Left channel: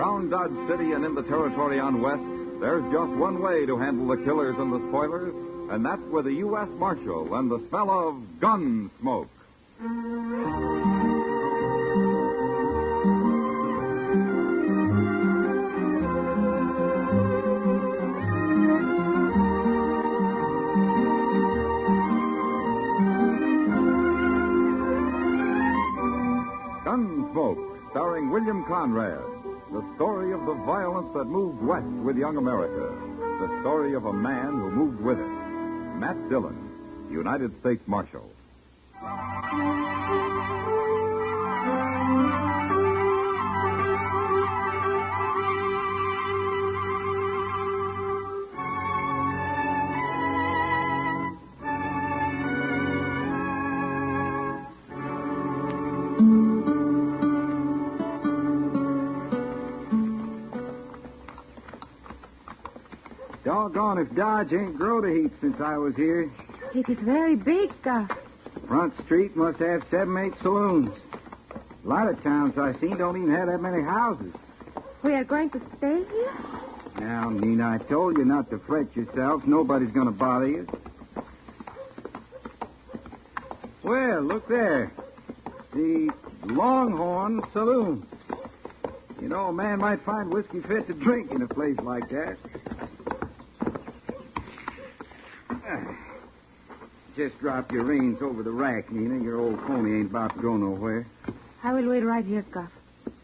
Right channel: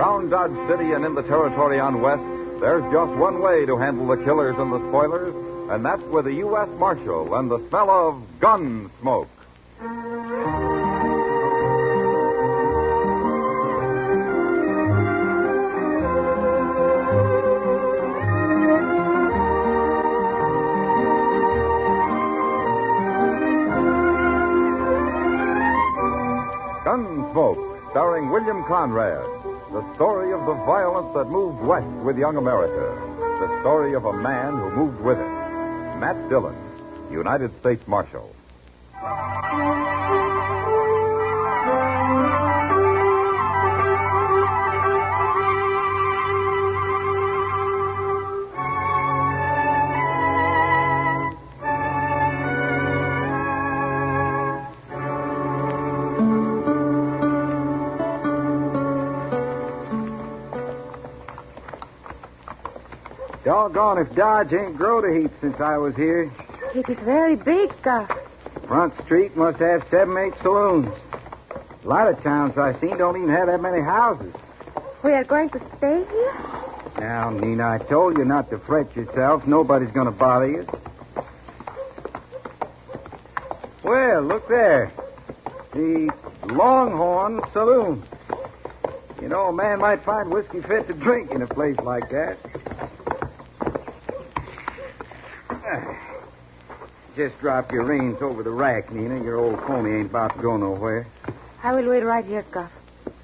Around Dodge City and in the territory on West, there's just one way to handle the killers and the spoilers, and that's with a U.S. Marshal and the smell of gun smoke. Gunsmoke, starring William Conrad. The story of the violence that moved west with young America. The story of a man who moved with it. Matt Dillon, United States Marshal. Doggone if Dodge ain't growed a heap since I was here. It is very big, Front Street must have 7, 8 saloons. A lot of towns I've seen don't even have that many houses. We are going to stay here? Now, Nina, I told you not to fret yourself. Nobody's going to bother you. Well, look there. The Longhorn Saloon. You know, a man might find whiskey fit to drink in a place like that. Just drop your reins over the rack, Nina. Your old pony ain't about to go nowhere. I will wait right here, Cuff.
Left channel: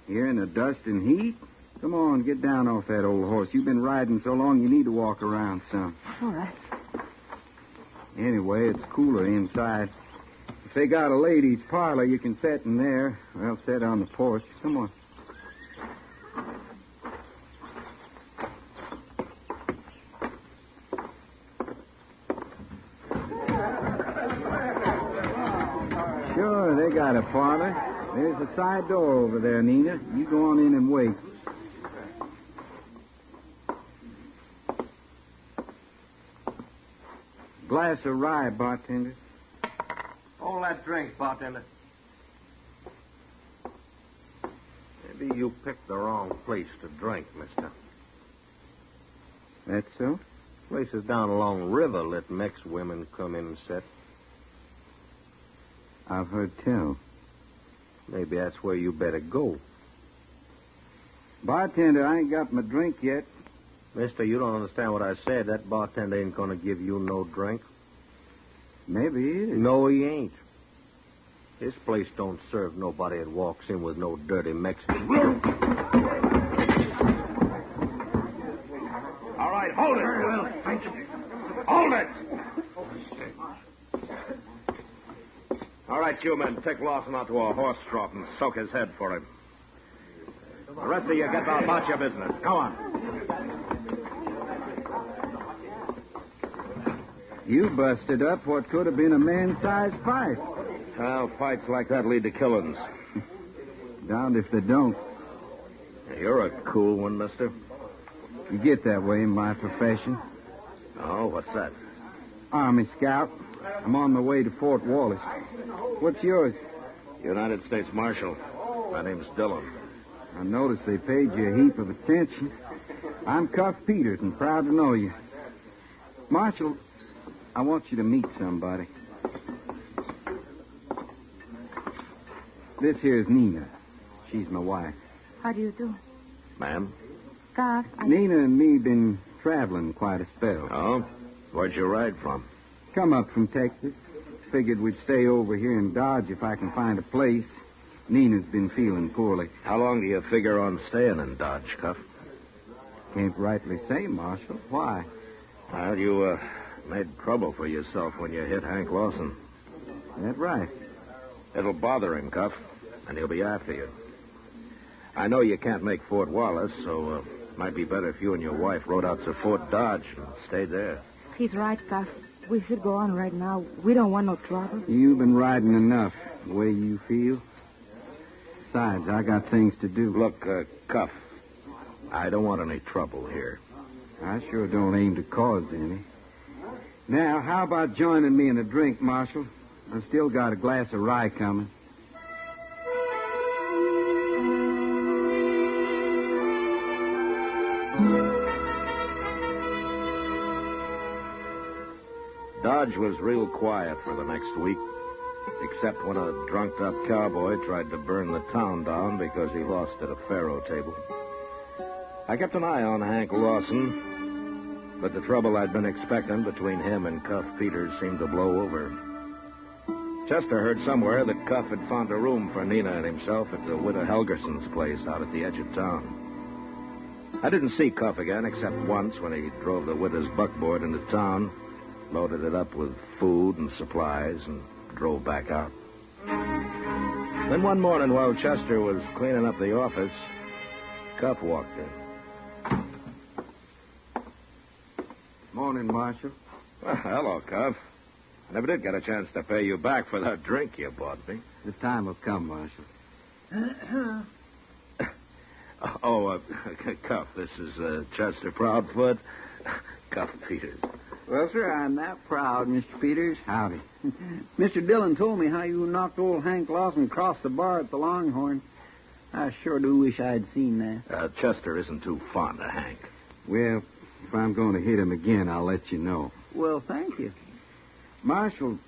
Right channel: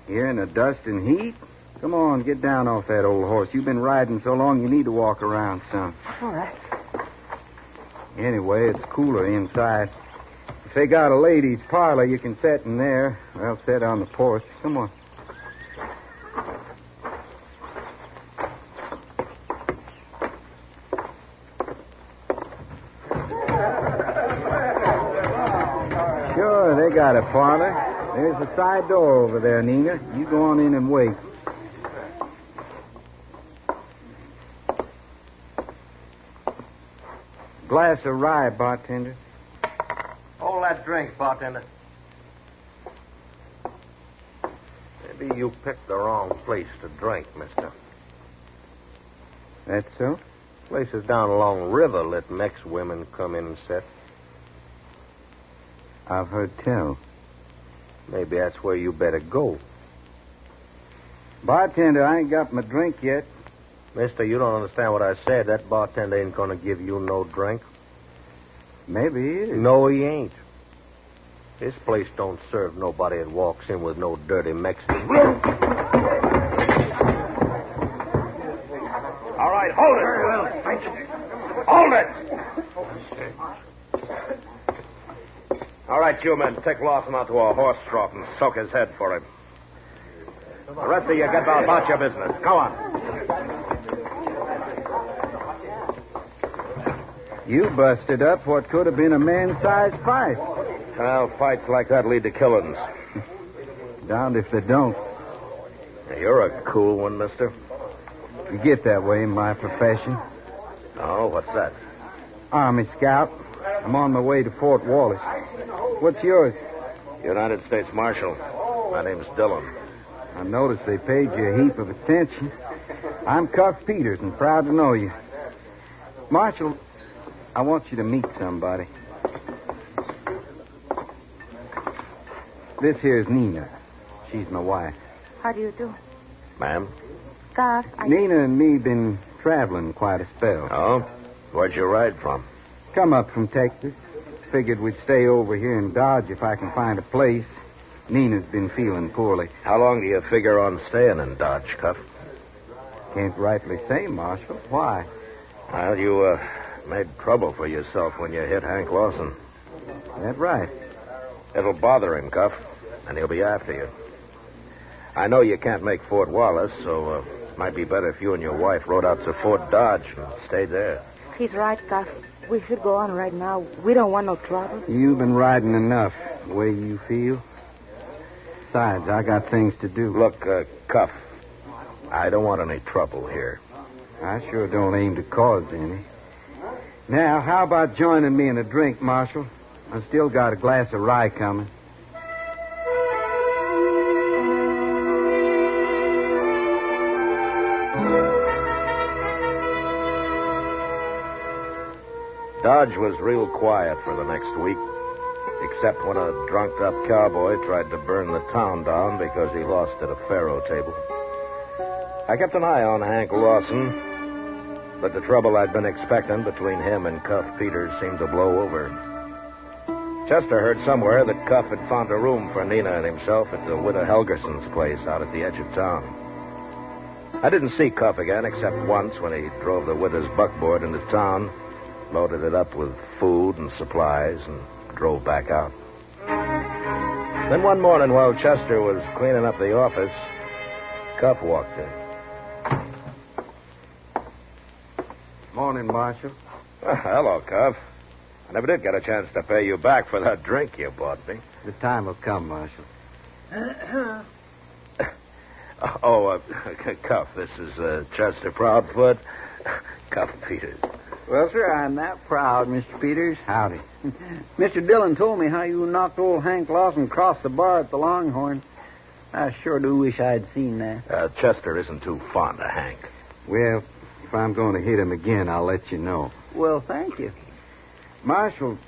Here in the dust and heat? Come on, get down off that old horse. You've been riding so long you need to walk around some. All right. Anyway, it's cooler inside. If they got a ladies' parlor, you can sit in there. Well, sit on the porch. Come on. Sure, they got a parlor. There's a side door over there, Nina. You go on in and wait. Glass of rye, bartender. Hold that drink, bartender. Maybe you picked the wrong place to drink, mister. That's so? Places down along the river let Mex women come in and sit. I've heard tell. Maybe that's where you better go. Bartender, I ain't got my drink yet. Mister, you don't understand what I said. That bartender ain't going to give you no drink. Maybe he is. No, he ain't. This place don't serve nobody that walks in with no dirty Mexican. All right, hold it. Very well, thank you. Hold it. All right, you men, take Lawson out to a horse trough and soak his head for him. The rest of you get about your business. Go on. You busted up what could have been a man-sized fight. Well, fights like that lead to killings. Darned if they don't. You're a cool one, mister. You get that way in my profession. Oh, what's that? Army scout. I'm on my way to Fort Wallace. What's yours? United States Marshal. My name's Dillon. I noticed they paid you a heap of attention. I'm Cuff Peters and proud to know you. Marshal, I want you to meet somebody. This here's Nina. She's my wife. How do you do? Ma'am? Cuff, Nina and me been traveling quite a spell. Oh? Where'd you ride from? Come up from Texas. Figured we'd stay over here in Dodge if I can find a place. Nina's been feeling poorly. How long do you figure on staying in Dodge, Cuff? Can't rightly say, Marshal. Why? Well, you, made trouble for yourself when you hit Hank Lawson. That right. It'll bother him, Cuff, and he'll be after you. I know you can't make Fort Wallace, so might be better if you and your wife rode out to Fort Dodge and stayed there. He's right, Cuff. We should go on right now. We don't want no trouble. You've been riding enough, the way you feel. Besides, I got things to do. Look, Cuff, I don't want any trouble here. I sure don't aim to cause any. Now, how about joining me in a drink, Marshal? I still got a glass of rye coming. Dodge was real quiet for the next week, except when a drunked-up cowboy tried to burn the town down because he lost at a faro table. I kept an eye on Hank Lawson, but the trouble I'd been expecting between him and Cuff Peters seemed to blow over. Chester heard somewhere that Cuff had found a room for Nina and himself at the widow Helgerson's place out at the edge of town. I didn't see Cuff again except once when he drove the widow's buckboard into town, loaded it up with food and supplies, and drove back out. Then one morning while Chester was cleaning up the office, Cuff walked in. Morning, Marshal. Hello, Cuff. I never did get a chance to pay you back for that drink you bought me. The time will come, Marshal. Cuff, this is Chester Proudfoot. Cuff Peters. Well, sir, I'm that proud, Mr. Peters. Howdy. Mr. Dillon told me how you knocked old Hank Lawson across the bar at the Longhorn. I sure do wish I'd seen that. Chester isn't too fond of Hank. Well, if I'm going to hit him again, I'll let you know. Well, thank you. Marshal,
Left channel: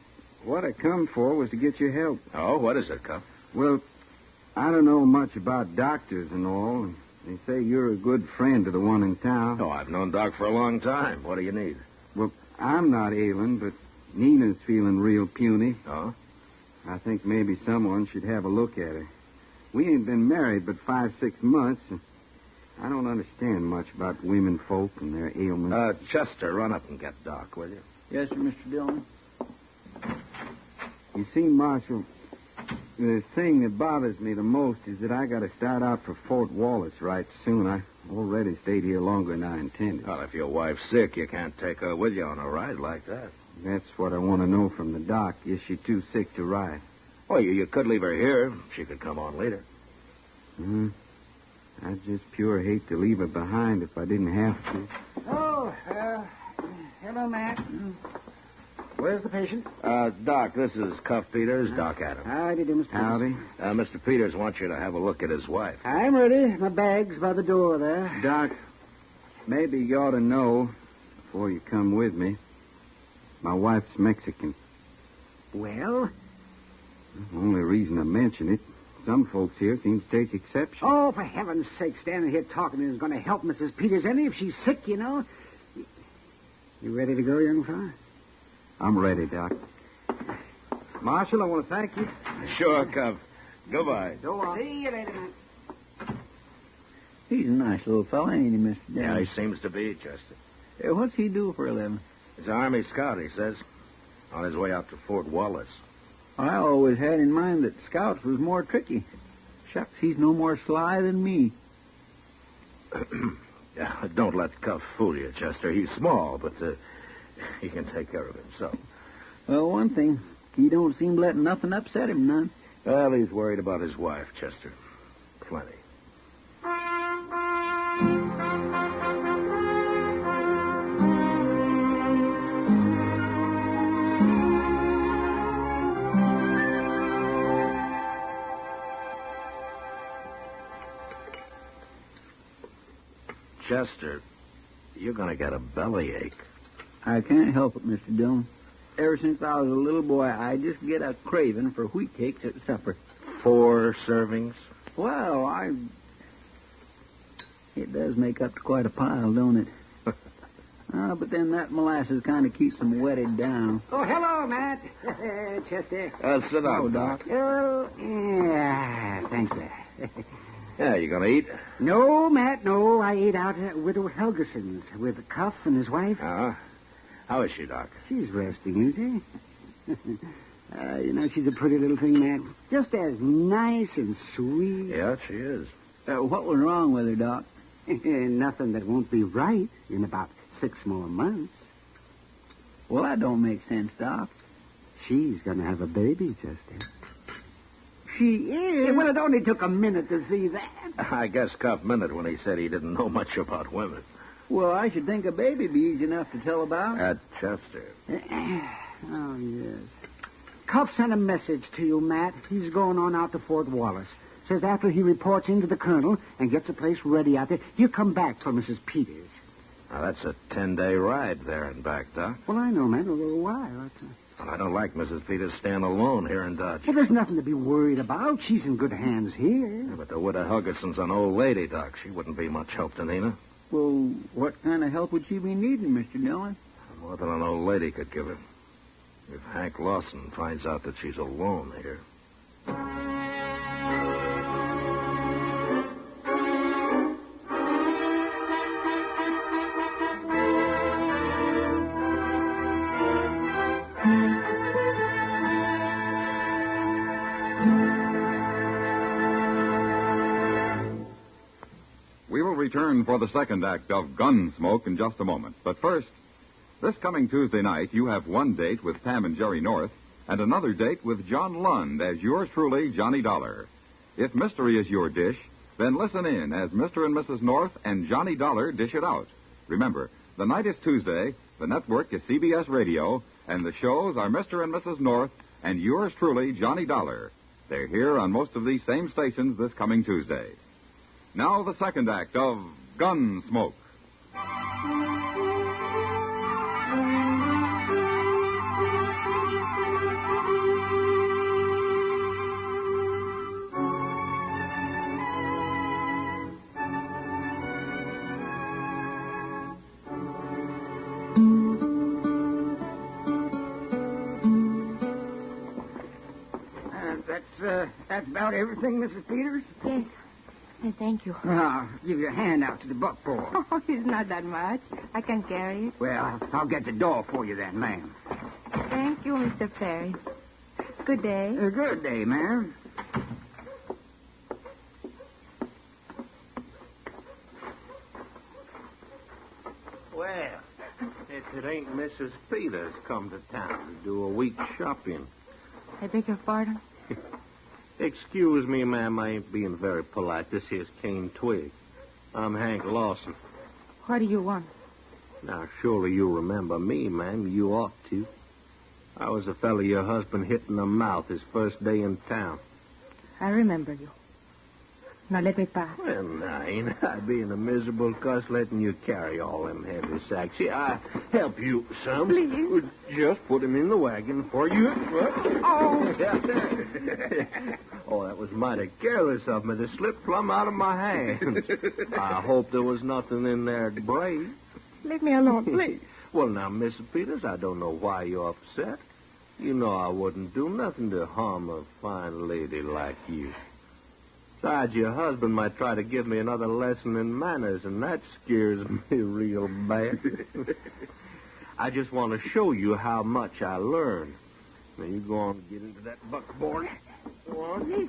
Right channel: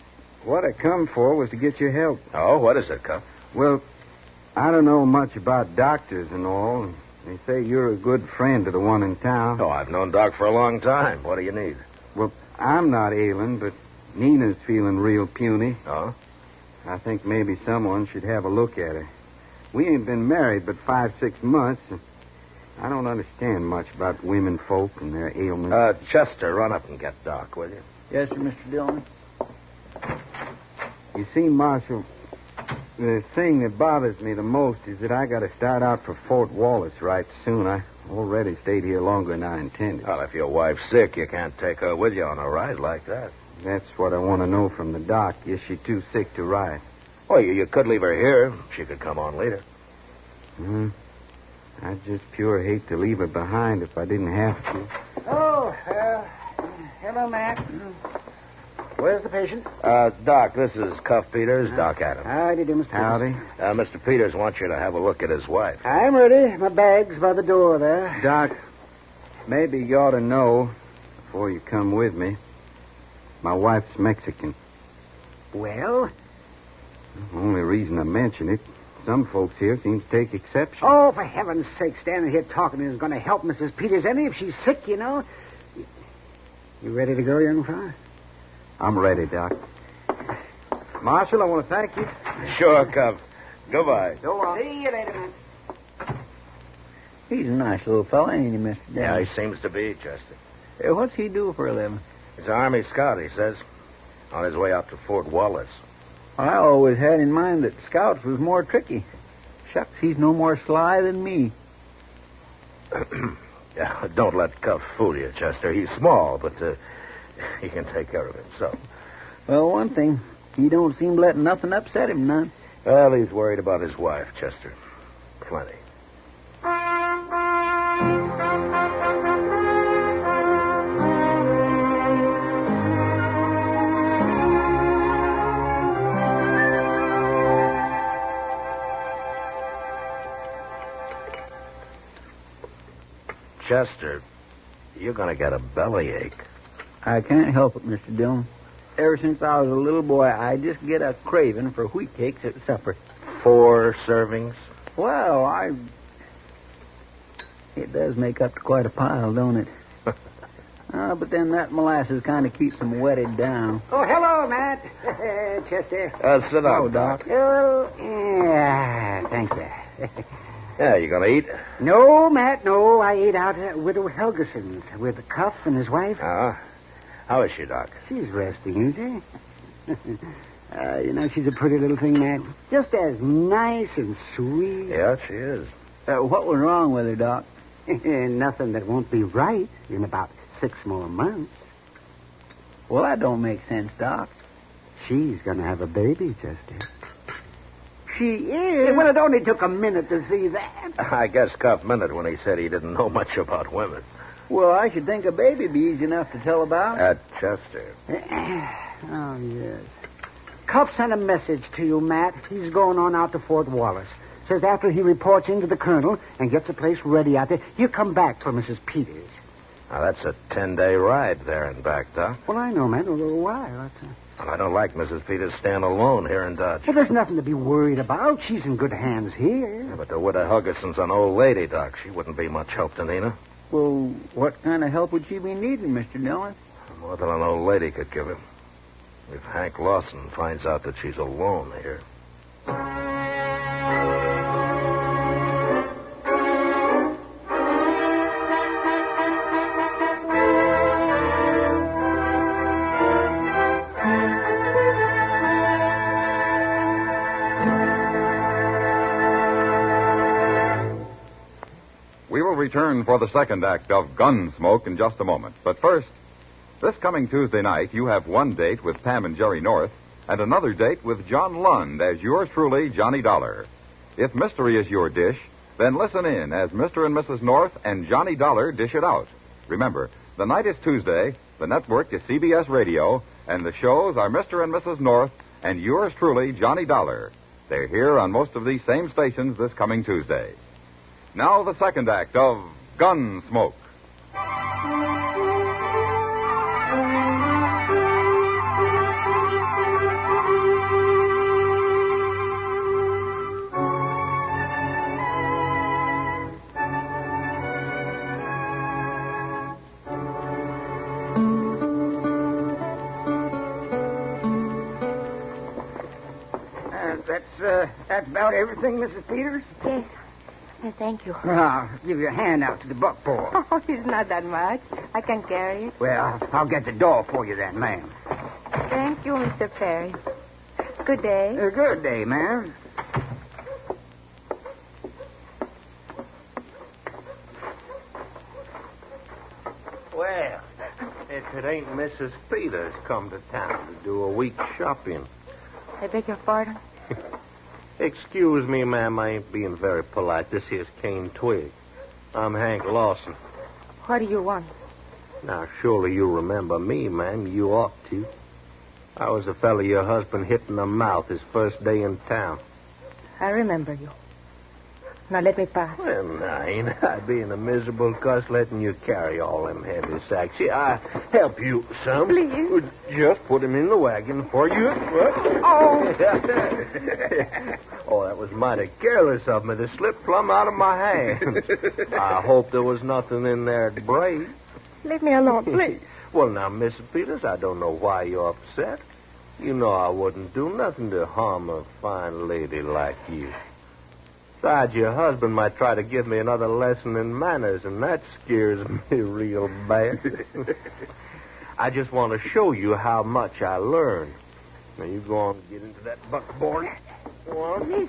what I come for was to get your help. Oh, what is it, Cuff? Well, I don't know much about doctors and all. They say you're a good friend of the one in town. Oh, I've known Doc for a long time. What do you need? Well, I'm not ailing, but Nina's feeling real puny. Oh? I think maybe someone should have a look at her. We ain't been married but 5-6 months. And I don't understand much about women folk and their ailments. Chester, run up and get Doc, will you? Yes, sir, Mr. Dillon. You see, Marshal, the thing that bothers me the most is that I got to start out for Fort Wallace right soon. I already stayed here longer than I intended. Well, if your wife's sick, you can't take her with you on a ride like that. That's what I want to know from the doc. Is she too sick to ride? Well, you could leave her here. She could come on later. I'd just pure hate to leave her behind if I didn't have to. Oh, hello, Mac. Where's the patient? Doc, this is Cuff Peters, Doc Adams. Howdy, do, Mr. Howdy. Mr. Peters wants you to have a look at his wife. I'm ready. My bag's by the door there. Doc, maybe you ought to know before you come with me. My wife's Mexican. Well? The only reason I mention it, some folks here seem to take exception. Oh, for heaven's sake, standing here talking isn't going to help Mrs. Peters any if she's sick, you know. You ready to go, young fella? I'm ready, Doc. Marshal, I want to thank you. Sure, Cuff. Goodbye. Go on. See you later, man. He's a nice little fella, ain't he, Mr. Yeah, he seems to be, Chester. What's he do for a living? He's an Army scout, he says. On his way out to Fort Wallace. I always had in mind that scouts was more tricky. Shucks, he's no more sly than me. Yeah, don't let Cuff fool you, Chester. He's small, but he can take care of himself. Well, one thing, he don't seem to let nothing upset him none. Well, he's worried about his wife, Chester. Plenty. Chester, you're going to get a bellyache. I can't help it, Mr. Dillon. Ever since I was a little boy, I just get a craving for wheat cakes at supper. 4 servings? Well, It does make up to quite a pile, don't it? But then that molasses kind of keeps them wetted down. Oh, hello, Matt. Chester. Sit down, Doc. Oh, yeah, thank you. Yeah, you going to eat? No, Matt, no. I ate out at Widow Helgerson's with Cuff and his wife. How is she, Doc? She's resting, isn't she? She's a pretty little thing, Matt. Just as nice and sweet. Yeah, she is. What was wrong with her, Doc? Nothing that won't be right in about 6 more months. Well, that don't make sense, Doc. She's going to have a baby, Chester. She is? Well, it only took a minute to see that. I guess Cuff meant it when he said he didn't know much about women. Well, I should think a baby be easy enough to tell about. At Chester. Oh, yes. Cuff sent a message to you, Matt. He's going on out to Fort Wallace. Says after he reports into the colonel and gets a place ready out there, he'll come back for Mrs. Peters. Now, that's a 10-day ride there and back, Doc. Well, I know, man. Why? Well, I don't like Mrs. Peters staying alone here in Dodge. Well, there's nothing to be worried about. She's in good hands here. Yeah, but the widow Hugginson's an old lady, Doc. She wouldn't be much help to Nina. Well, what kind of help would she be needing, Mr. Dillon? More than an old lady could give him. If Hank Lawson finds out that she's alone here. We will return for the second act of Gunsmoke in just a moment. But first, this coming Tuesday night, you have one date with Pam and Jerry North and another date with John Lund as yours truly, Johnny Dollar. If mystery is your dish, then listen in as Mr. and Mrs. North and Johnny Dollar dish it out. Remember, the night is Tuesday, the network is CBS Radio, and the shows are Mr. and Mrs. North and yours truly, Johnny Dollar. They're here on most of these same stations this coming Tuesday. Now the second act of Gunsmoke. That's about everything, Mrs. Peters? Yes. Thank you. Well, I'll give you a hand out to the buckboard. Oh, it's not that much. I can carry it. Well, I'll get the door for you then, ma'am. Thank you, Mr. Perry. Good day. Good day, ma'am. Well, if it ain't Mrs. Peters come to town to do a week's shopping. I beg your pardon? Excuse me, ma'am, I ain't being very polite. This here's Cane Twig. I'm Hank Lawson. What do you want? Now, surely you remember me, ma'am. You ought to. I was the fella your husband hit in the mouth his first day in town. I remember you. Now let me pass. Well, now, ain't I being a miserable cuss letting you carry all them heavy sacks? See, I help you some. Please. Just put him in the wagon for you. Oh. Oh, that was mighty careless of me to slip plumb out of my hand. I hope there was nothing in there to break. Leave me alone, please. Well, now, Mrs. Peters, I don't know why you're upset. You know I wouldn't do nothing to harm a fine lady like you. Besides, your husband might try to give me another lesson in manners, and that scares me real bad. I just want to show you how much I learned. Now, you go on and get into that buckboard. Go on.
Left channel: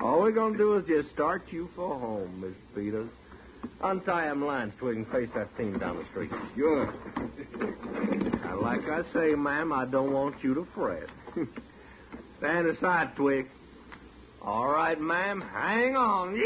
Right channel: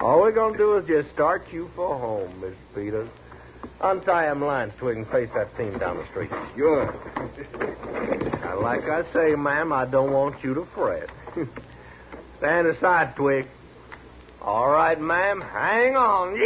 All we're going to do is just start you for home, Miss Peters. Untie them lines so we can face that team down the street. Sure. Now, like I say, ma'am, I don't want you to fret. Stand aside, Twig. All right, ma'am. Hang on.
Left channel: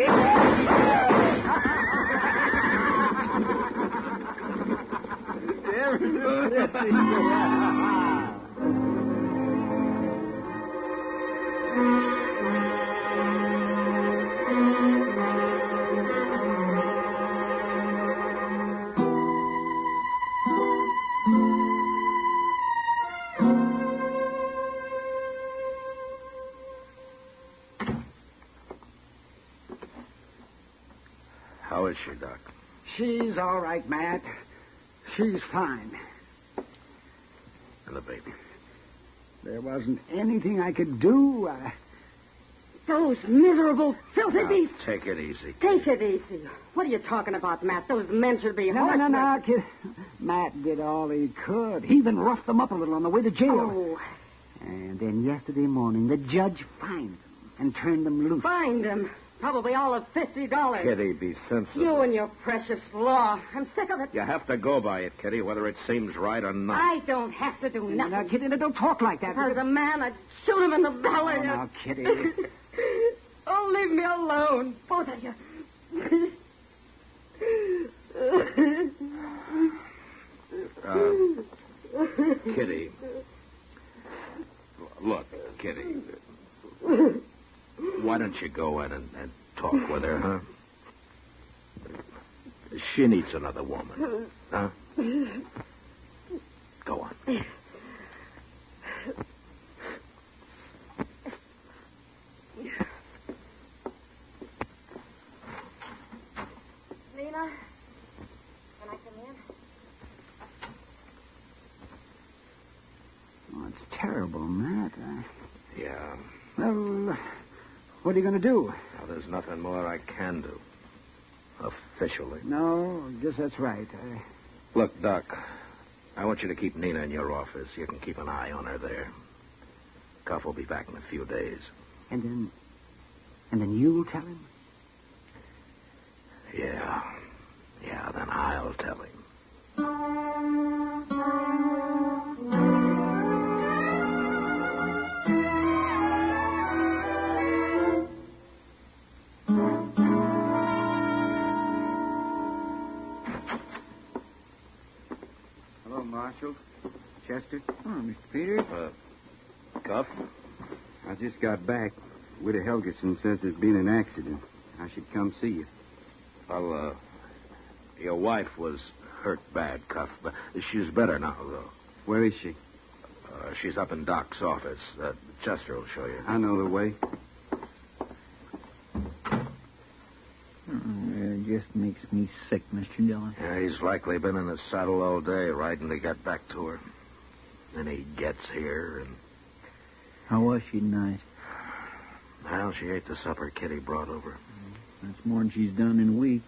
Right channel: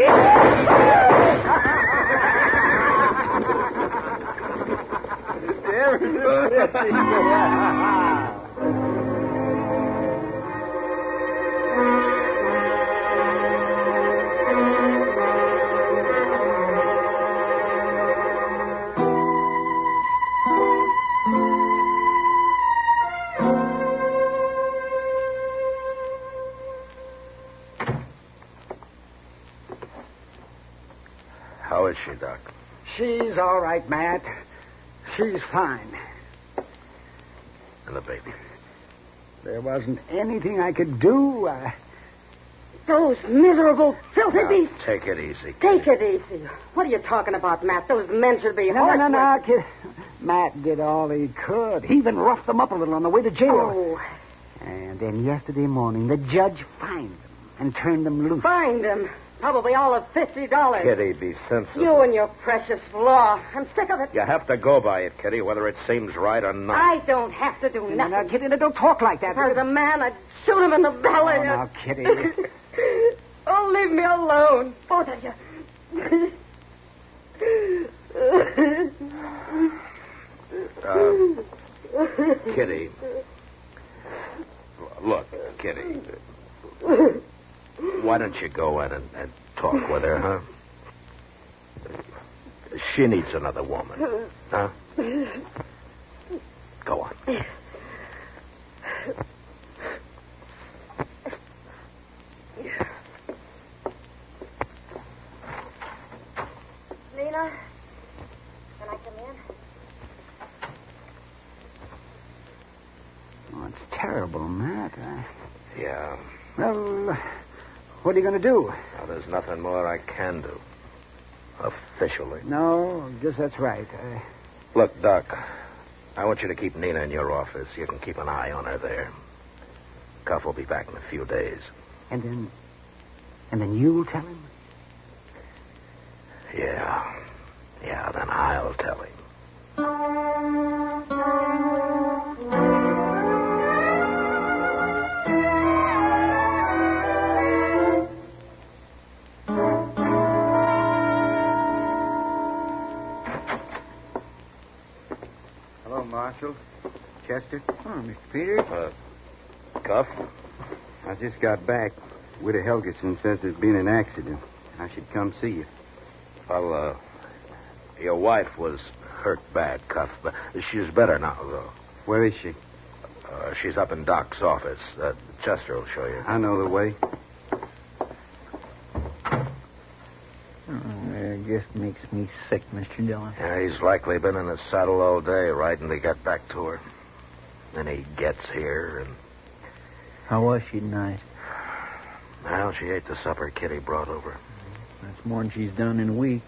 How is she, Doc? She's all right, Matt. She's fine. And the baby? There wasn't anything I could do. Those miserable, filthy Now, beasts. take it easy. Take it easy. What are you talking about, Matt? Those men should be No, kid. Matt did all he could. He even roughed them up a little on the way to jail. Oh, And then yesterday morning, the judge fined them and turned them loose. find them. Probably all of $50. Kitty, be sensible. You and your precious law. I'm sick of it. You have to go by it, Kitty, whether it seems right or not. I don't have to do Now, nothing. Kitty, don't talk like that. If I was a man, I'd shoot him in the belly. Oh, now, Kitty. Oh, leave me alone, both of you. Kitty. Look, Kitty. Why don't you go in and talk with her, huh? She needs another woman. Huh? Go on. Lena, can I come in? Oh, it's terrible, Matt. Yeah. Well, what are you going to do? Well, there's nothing more I can do. Officially. No, I guess that's right. Look, Doc, I want you to keep Nina in your office. You can keep an eye on her there. Cuff will be back in a few days. And then you'll tell him? Yeah. Yeah, then I'll tell him. Hello, Marshal. Chester? Oh, Mr. Peters. Cuff? I just got back. Widow Helgeson says there's been an accident. I should come see you. Well, your wife was hurt bad, Cuff, but she's better now, though. Where is she? She's up in Doc's office. Chester will show you. I know the way. It just makes me sick, Mr. Dillon. Yeah, he's likely been in his saddle all day, riding to get back to her. Then he gets here, and... How was she tonight? Well, she ate the supper Kitty brought over. That's more than she's done in a week.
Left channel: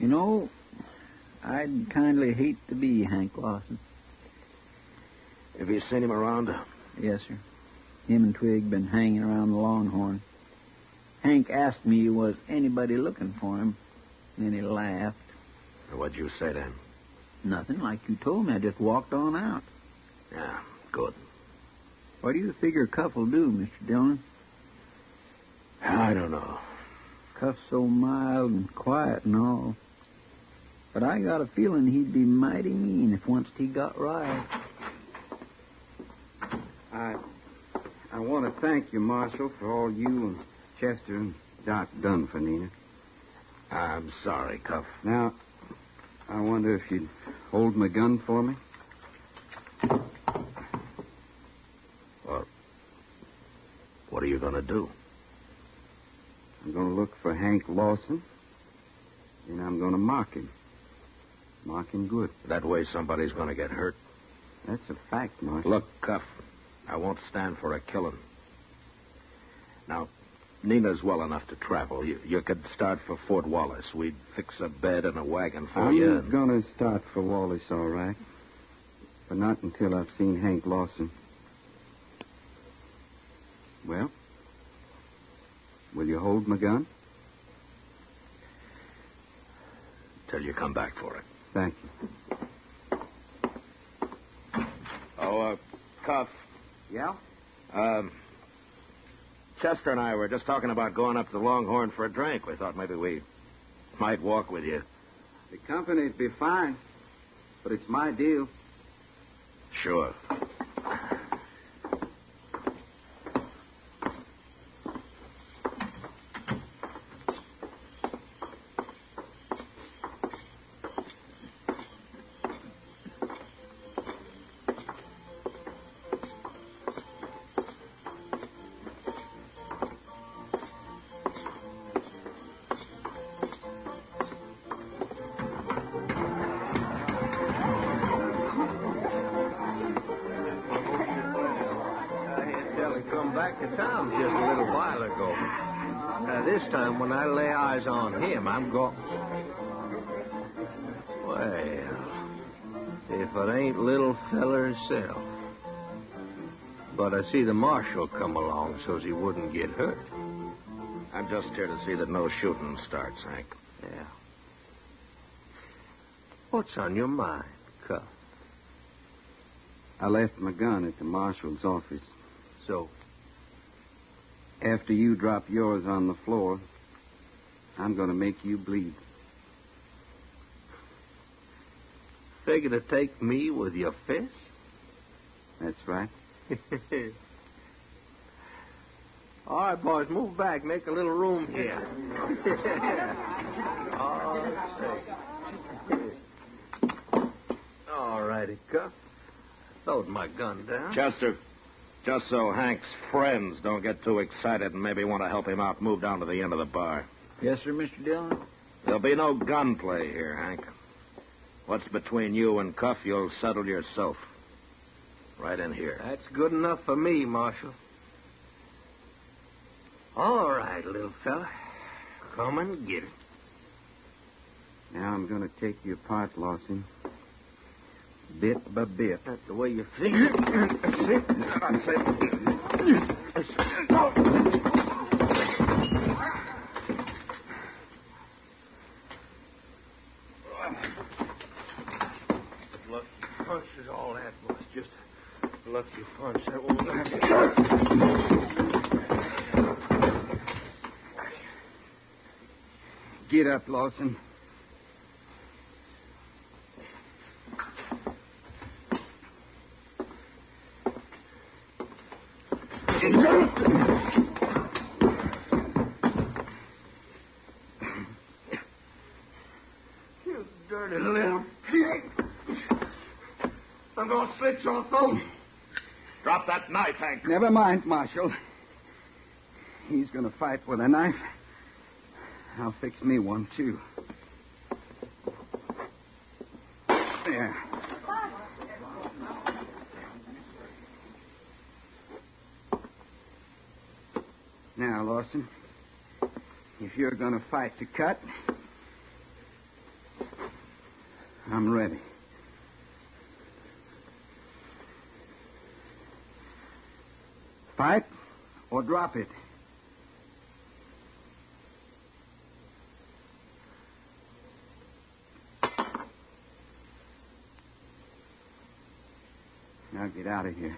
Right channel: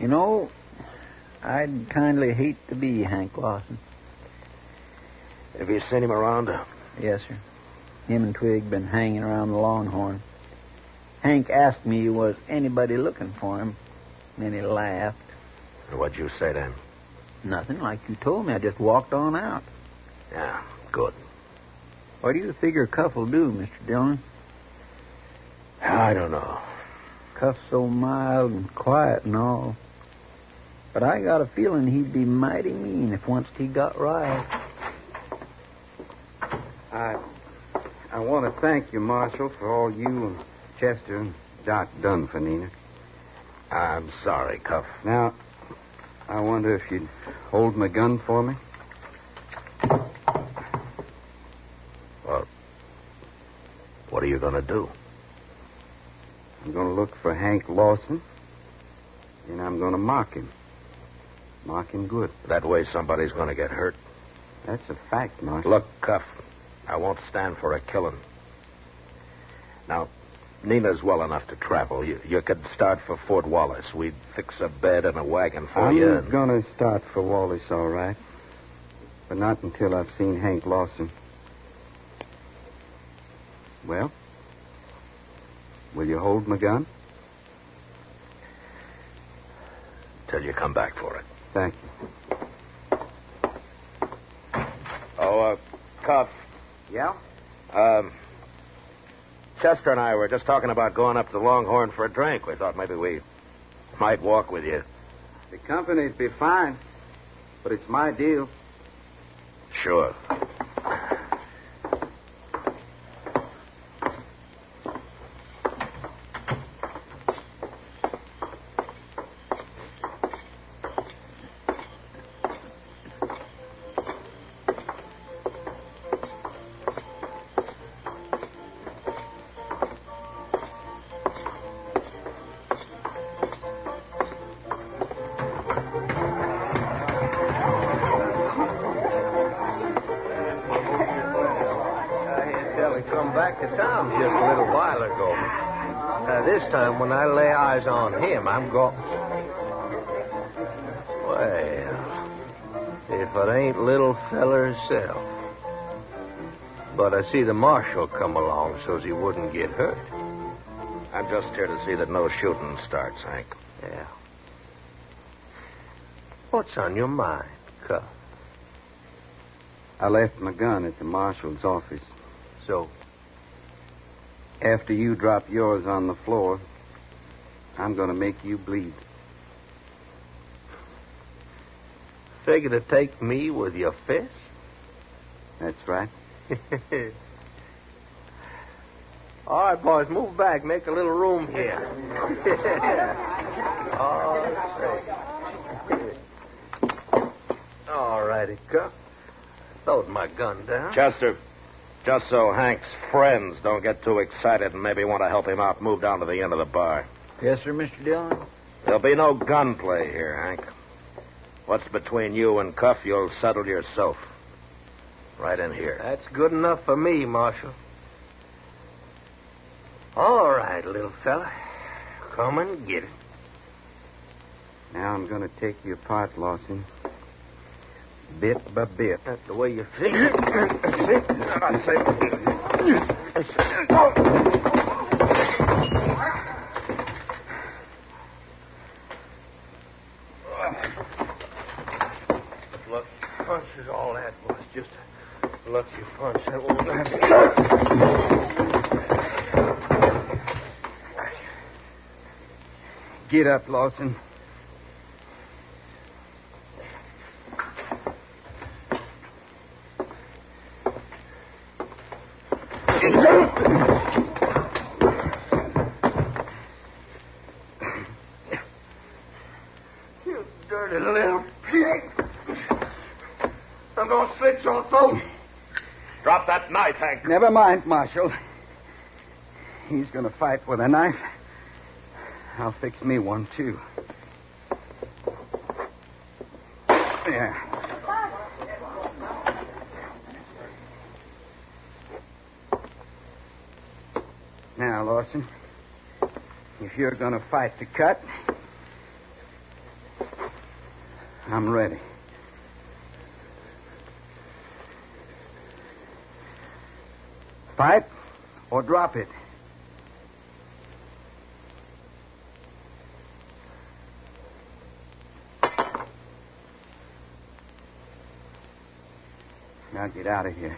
You know, I'd kindly hate to be Hank Lawson. Have you seen him around? Yes, sir. Him and Twig been hanging around the Longhorn. Hank asked me was anybody looking for him. Then he laughed. What'd you say to him? Nothing, like you told me. I just walked on out. Yeah, good. What do you figure Cuff will do, Mr. Dillon? I don't know. Cuff's so mild and quiet and all. But I got a feeling he'd be mighty mean if once he got riled. I want to thank you, Marshal, for all you and Chester and Doc done for Nina. I'm sorry, Cuff. Now, I wonder if you'd hold my gun for me? Well, what are you going to do? I'm going to look for Hank Lawson, and I'm going to mark him. Mark him good. That way somebody's going to get hurt. That's a fact, Marshal. Look, Cuff, I won't stand for a killing. Now, Nina's well enough to travel. You could start for Fort Wallace. We'd fix a bed and a wagon for you. I'm going to start for Wallace, all right. But not until I've seen Hank Lawson. Well, will you hold my gun? Till you come back for it. Thank you. Oh, Cuff. Yeah? Chester and I were just talking about going up to the Longhorn for a drink. We thought maybe we might walk with you. The company'd be fine, but it's my deal. Sure. Come back to town just a little while ago. This time, when I lay eyes on him, I'm going... Well, if it ain't little feller himself. But I see the marshal come along so's he wouldn't get hurt. I'm just here to see that no shooting starts, Hank. Yeah. What's on your mind, Cuff? I left my gun at the marshal's office. So, After you drop yours on the floor, I'm going to make you bleed. figure to take me with your fist? That's right. All right, boys, move back. Make a little room here. All righty, Cuff. Load my gun down. Chester, just so Hank's friends don't get too excited and maybe want to help him out, move down to the end of the bar. Yes, sir, Mr. Dillon? There'll be no gunplay here, Hank. What's between you and Cuff, you'll settle yourself. Right in here. That's good enough for me, Marshal. All right, little fella. Come and get it. Now I'm going to take you apart, Lawson. Bit by bit. That's the way you figure it. That's it. I say. Lucky punch is all that was. Just a lucky punch. That won't Get up, Lawson. You dirty little pig. I'm going to slit your throat. Drop that knife, Hank. Never mind, Marshal. He's going to fight with a knife. I'll fix me one, too. Yeah. Now, Lawson, if you're going to fight to cut, I'm ready. Fight or drop it. Now get out of here.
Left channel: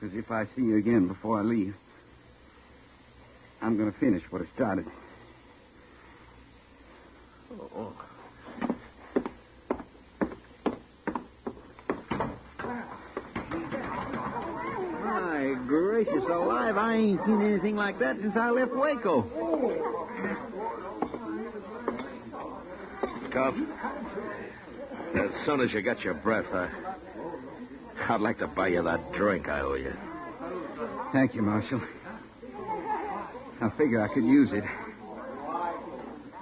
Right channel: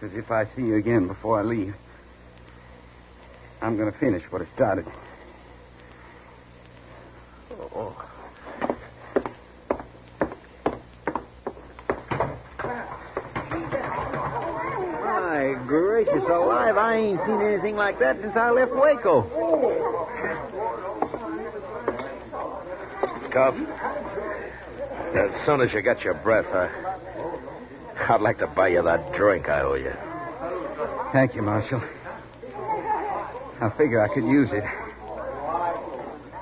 Because if I see you again before I leave, I'm going to finish what I started. Oh. My gracious alive, I ain't seen anything like that since I left Waco. Cuff, as soon as you get your breath, I'd like to buy you that drink I owe you. Thank you, Marshal. I figure I could use it.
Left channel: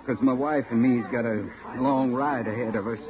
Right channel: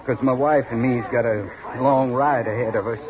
Because my wife and me's got a long ride ahead of us.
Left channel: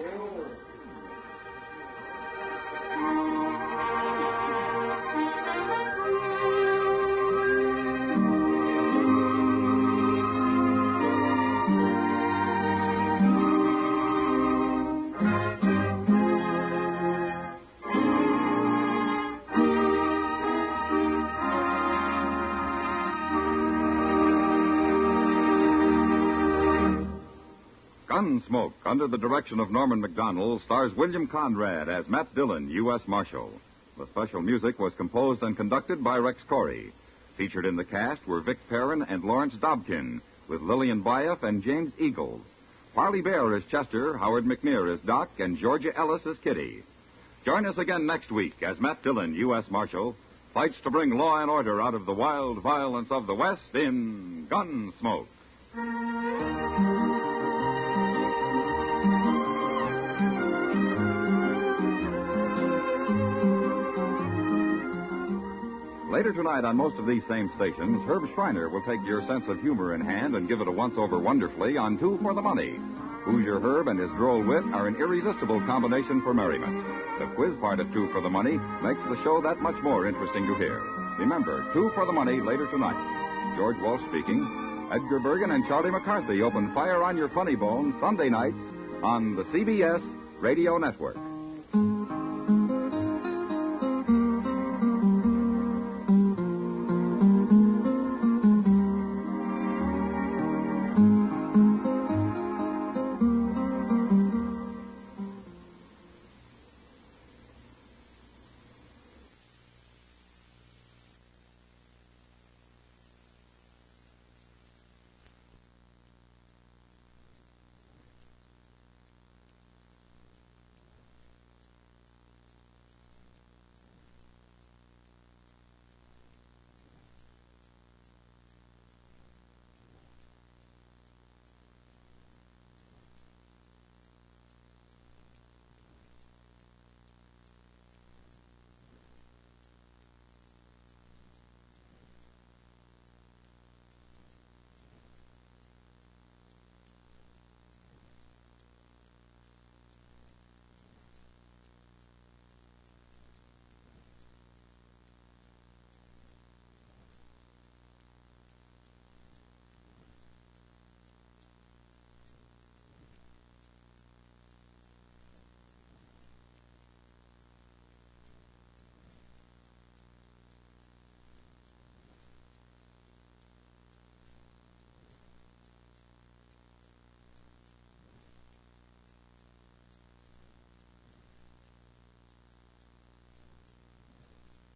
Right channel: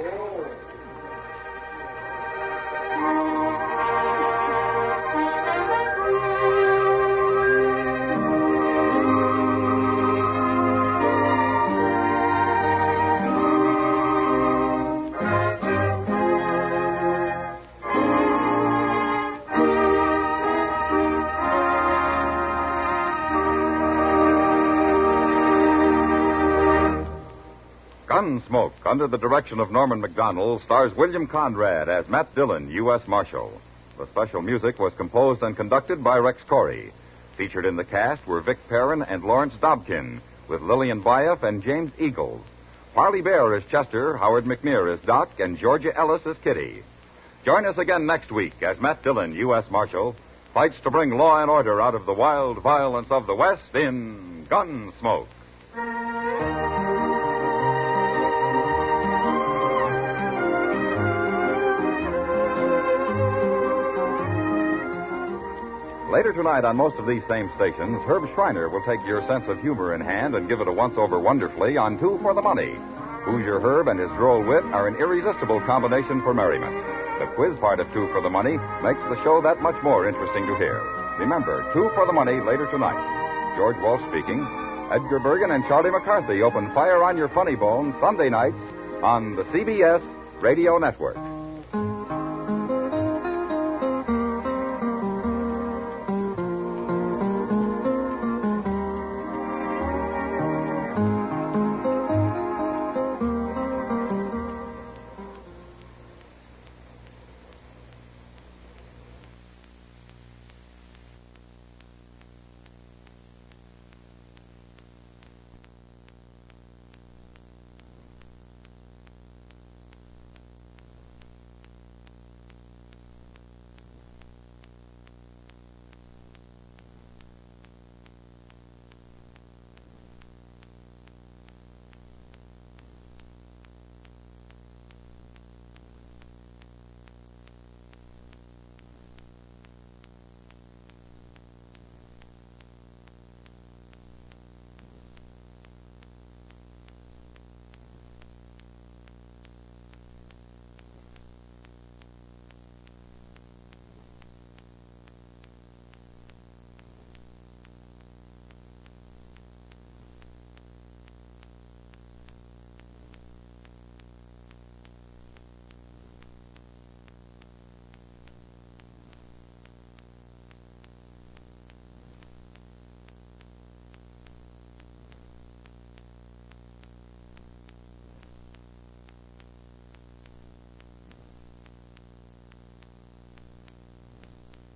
Gunsmoke, under the direction of Norman MacDonnell, stars William Conrad as Matt Dillon, U.S. Marshal. The special music was composed and conducted by Rex Corey. Featured in the cast were Vic Perrin and Lawrence Dobkin, with Lillian Bayef and James Eagles. Parley Baer as Chester, Howard McNear as Doc, and Georgia Ellis as Kitty. Join us again next week as Matt Dillon, U.S. Marshal, fights to bring law and order out of the wild violence of the West in Gunsmoke. Later tonight on most of these same stations, Herb Schreiner will take your sense of humor in hand and give it a once-over wonderfully on Two for the Money. Hoosier Herb and his droll wit are an irresistible combination for merriment. The quiz part of Two for the Money makes the show that much more interesting to hear. Remember, Two for the Money later tonight. George Walsh speaking. Edgar Bergen and Charlie McCarthy open fire on your funny bone Sunday nights on the CBS Radio Network.